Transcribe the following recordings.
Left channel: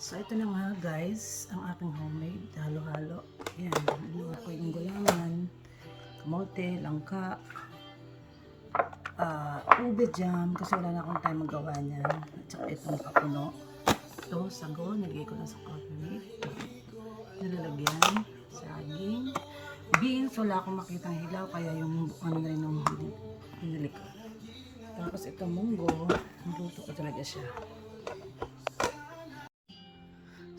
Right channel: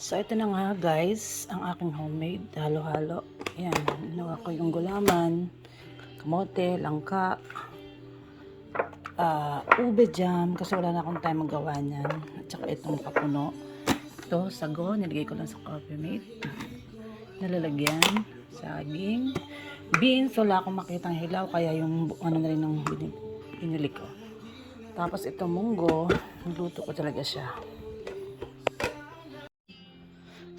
So, ito na nga guys, ang aking homemade, halo-halo. Ayan, ginawa ko yung gulaman, kamote, langka, ah, ube jam, kasi wala na akong time magawa niyan. At saka itong kapuno. Ito, sago, nilagay ko lang sa coffee mate. Nalalagyan, saging, beans, wala akong makitang hilaw, kaya yung ano na rin ng binili, ko. Tapos ito munggo, nagluto ko talaga siya.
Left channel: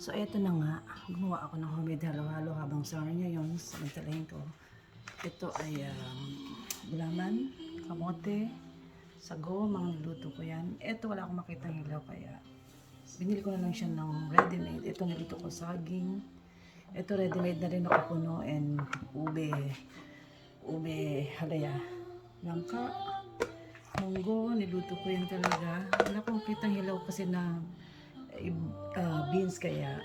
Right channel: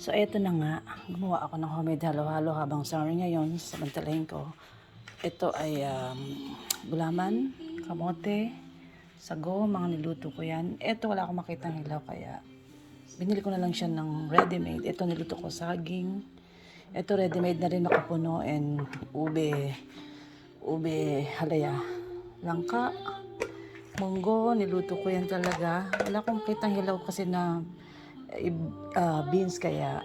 So, eto na nga. Gumawa ako ng homemade halo-halo habang summer ngayon. Samantalahin ko. Ito ay um, gulaman, kamote, sago, mga niluto ko yan. Ito wala akong makitang hilaw kaya binili ko na lang siya ng ready-made. Ito niluto ko saging. Ito ready-made na rin makapuno and ube, ube halaya. Langka, munggo, niluto ko yan talaga. Wala akong makitang hilaw kasi na ah, beans kaya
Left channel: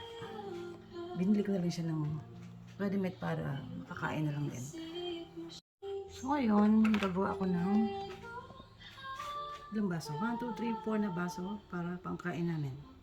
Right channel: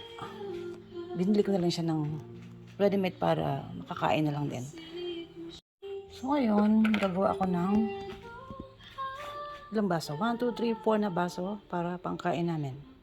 binili ko na lang siya ng ready-made para makakain na lang din. So ngayon, gagawa ako ng ilang baso? 1, 2, 3, 4 na baso para pangkain namin.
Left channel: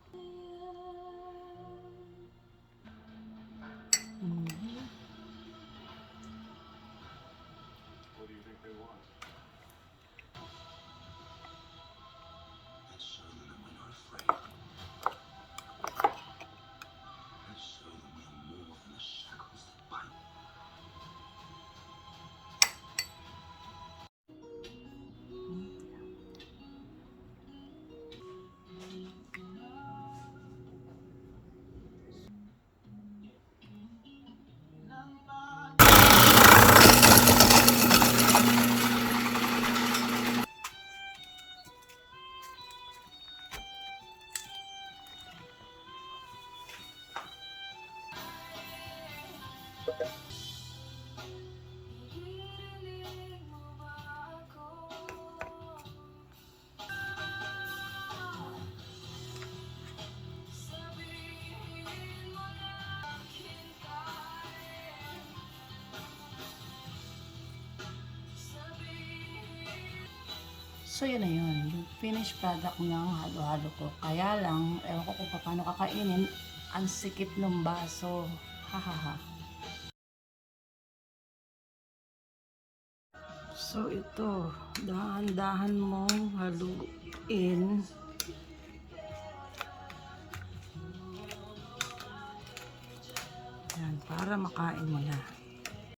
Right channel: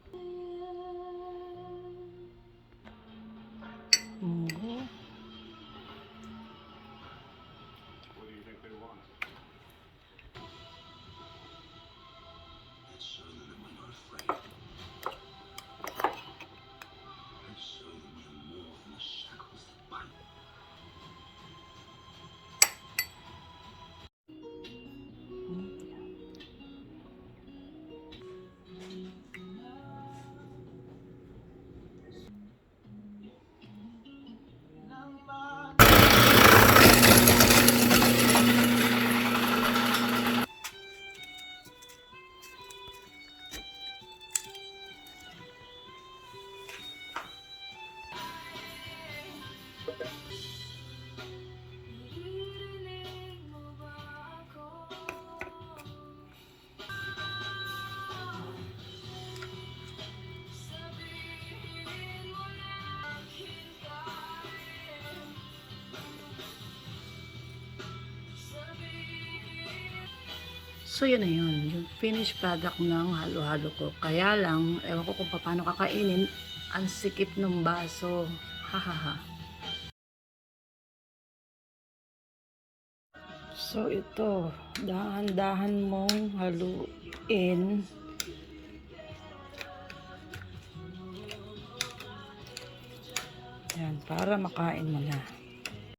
So yun na yun, yung finished product ng halo-halo ko. Kaya lang, ewan ko kung paano kakainin, ang sikip ng baso. Hahaha. So ito, dahan-dahan mong haluin. Yan, para makain mo na.